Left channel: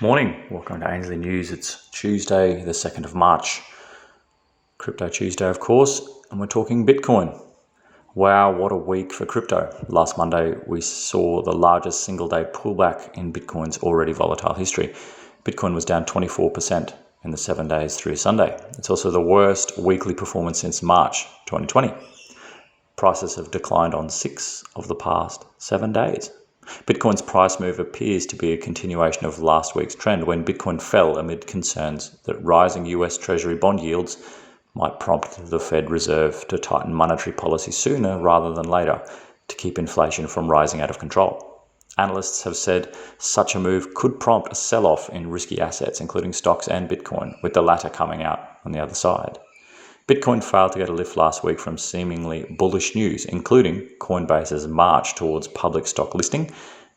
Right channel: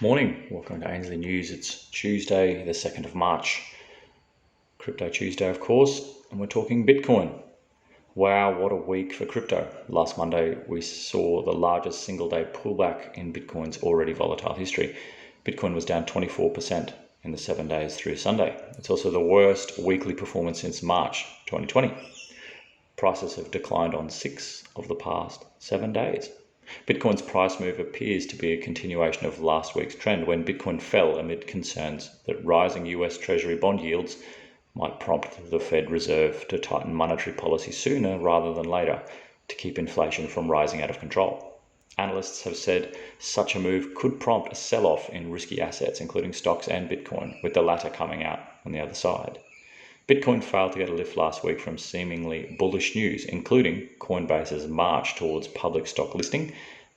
Morning, welcome to Ainsley News. It's Tuesday, the 2nd of March. Crypto Tuesday, of course, and we're talking Bitcoin. Wow, what a week for crypto. Last Monday, we saw the largest single-day pullback in Bitcoin's already volatile history. Bitcoin was down 24% in the 7 days through Sunday. It's also the worst weekly performance since March 2020. Prices have declined on 6 of the past 7 days. Bitcoin's price move appears to be a continuation of last week's trend when Bitcoin fell amid concerns that rising US Treasury bond yields might prompt the Fed Reserve to tighten monetary policy sooner rather than later to keep inflation from rising out of control. Analysts have said such a move could prompt a sell-off in risky assets, including stocks and Bitcoin, with the latter coming out on the other side. Bitcoin failed to get a lift last week from seemingly bullish news, including Coinbase's march towards public stock listing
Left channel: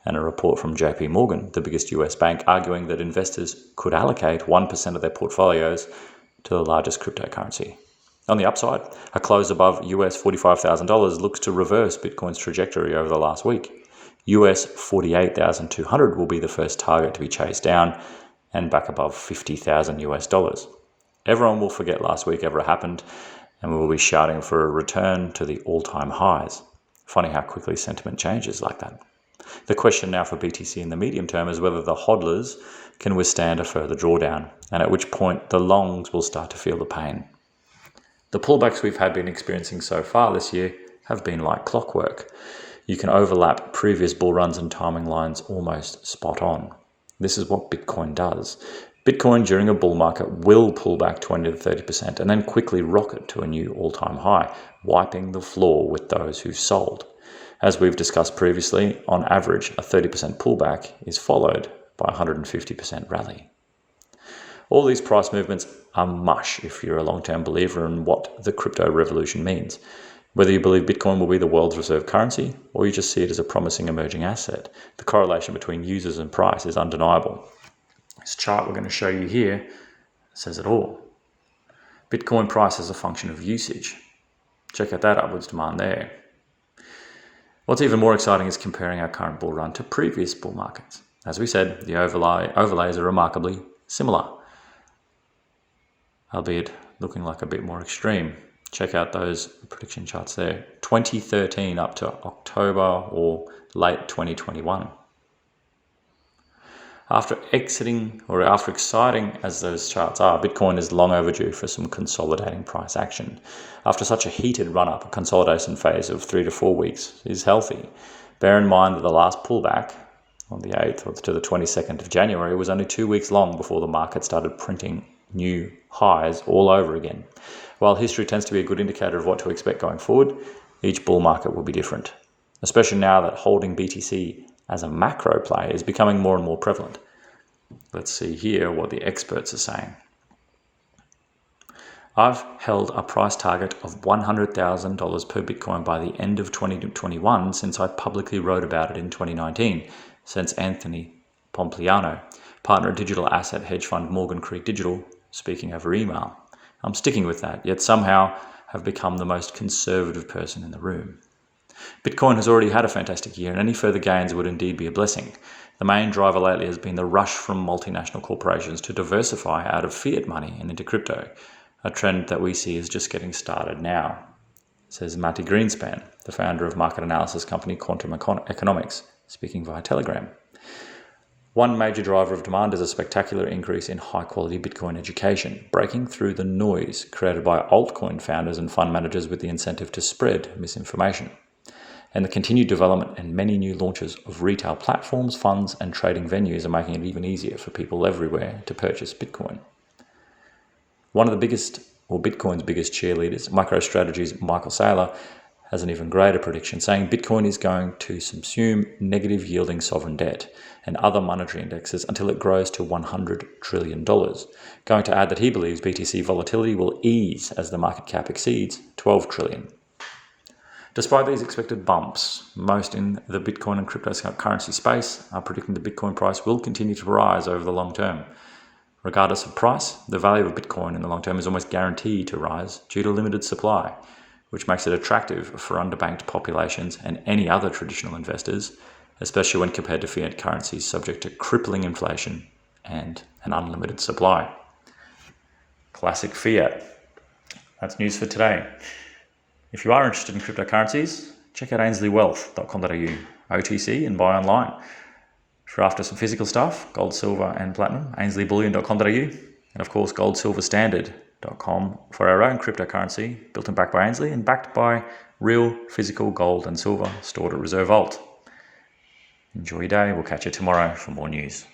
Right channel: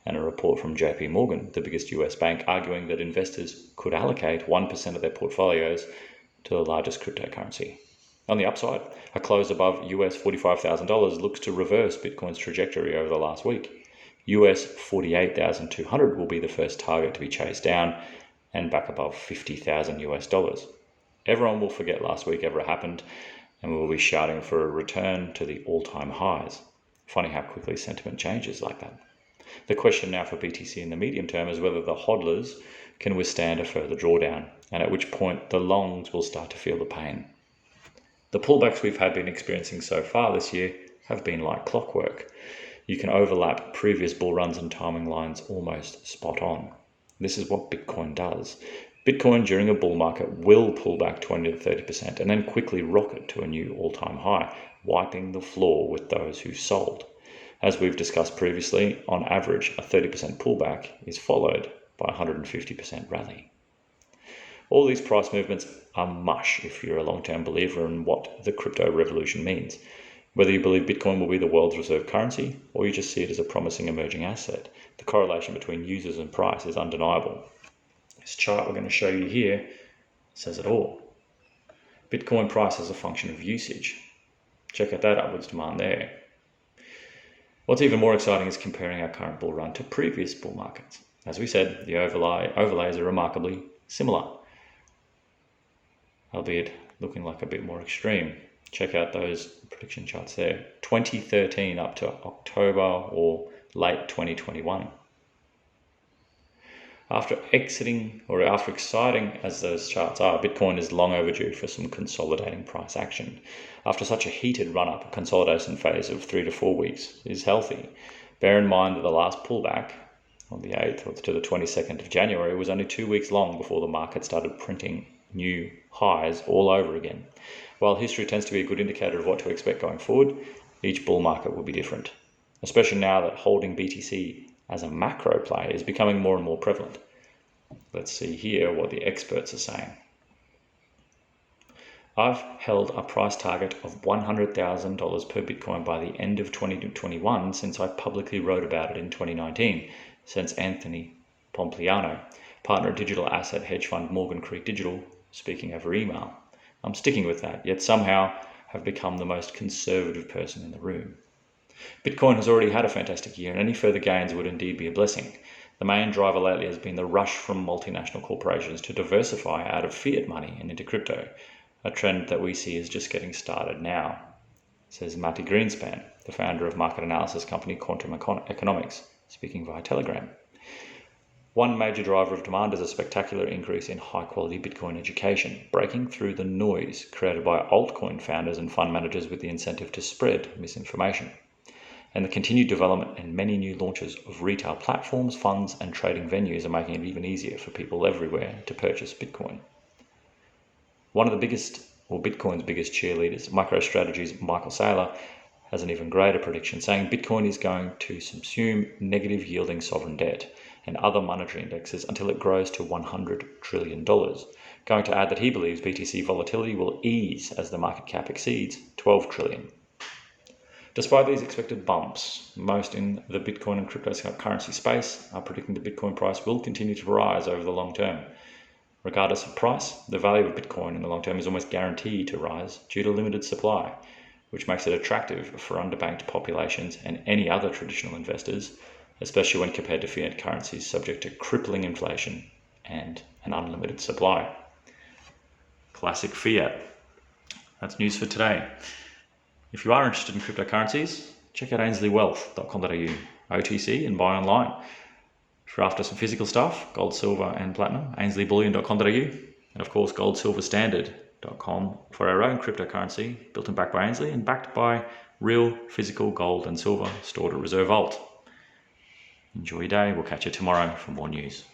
and a report from JP Morgan, the biggest US bank, arguing that investors could allocate 1% of their portfolios to the largest cryptocurrency. On the upside, a close above US $45,000 looks to reverse Bitcoin's trajectory over the last week. US 48,200 will be the first target to be chased down and back above 50,000 US dollars. Everyone will forget last week ever happened, and we will be shouting for a return to the all-time highs. Funny how quickly sentiment changes like that. The question now for BTC in the medium term is whether the hodlers can withstand a further drawdown, and at which point the longs will start to feel the pain. The pullbacks we've been experiencing so far this year have been like clockwork. You can overlap previous bull runs and timing lines almost spot on. This is what Bitcoin does. Bitcoin during a bull market will pull back 20 to 30% and then quickly rocket to a new all-time high, wiping the floor with those who've sold. As we've discussed previously, on average, a 30% pullback is followed by a 150% rally. All these price movements are mush if you're a long-term believer in what the crypto revolution means. Whether you believe Bitcoin will be the world's reserve currency or you just see it as a promising emerging asset, the correlation between users and price is undeniable. This chart we're going to show you here says it all. Bitcoin price is a function of usage. Check out that upwards demand there. What's even more exciting is comparing our current bull run to previous bull markets. As we said, the overlays are remarkably similar, albeit looking like a bit more extreme. Check out those prediction charts there. 2013 up to October or late 2021. After exciting as those charts are, Bitcoin is long overdue for some consolidating price action. After such a heated run-up, a consolidation phase of 3 to 4 weeks is healthy. Bear in mind that the last pullback on the 8th to the 22nd of January was only 2 weeks long before the market started printing new highs all over again. While history tends to be a good indicator of what to expect going forward, each bull market will be different, especially now that holding BTC as a macro play is becoming more and more prevalent. Let's see here what the experts are saying. I've held a price target of $100,000 per Bitcoin by the end of 2021 since I publicly wrote about it in 2019, says Anthony Pompliano, partner at digital asset hedge fund Morgan Creek Digital, speaking over email. I'm sticking with that, yet somehow have become the most conservative person in the room. Bitcoin has already had a fantastic year, and any further gains would indeed be a blessing. The main driver lately has been the rush from multinational corporations to diversify out of fiat money and into crypto, a trend that we see is just getting started now, says Matti Greenspan, the founder of market analysis company Quantum Economics, speaking via Telegram. One major driver of demand is a spectacular increase in high-quality Bitcoin education, breaking through the noise created by altcoin founders and fund managers with the incentive to spread misinformation. And the continued development and many new launches of retail platforms, funds, and trading venues are making it even easier for people everywhere to purchase Bitcoin. One of Bitcoin's biggest cheerleaders, MicroStrategy's Michael Saylor, has an even greater prediction, saying Bitcoin is going to subsume negative yielding sovereign debt and other monetary indexes until it grows to $100 trillion. Going to add that he believes BTC volatility will ease as the market cap exceeds $12 trillion. Despite these expected bumps, most in the Bitcoin and cryptocurrency space are predicting the Bitcoin price will continue to rise over the long term. Regardless of price, the value of Bitcoin in the long term is almost guaranteed to rise due to limited supply, which makes it attractive for underbanked populations and any other traditional investors, especially when compared to fiat currencies subject to crippling inflation and an unlimited supply. Classic fiat. That's news for today. If you are interested in cryptocurrencies, check out ainsleywealth.com.au, OTC and buy online. If you're after some physical stuff, gold, silver and platinum, ainsleyBullion.com.au, and of course goldsilverstandard.com for our own cryptocurrency, built and backed by Ainsley and backed by real physical gold and silver stored at Reserve Vault. Enjoy your day. We'll catch you tomorrow for more news.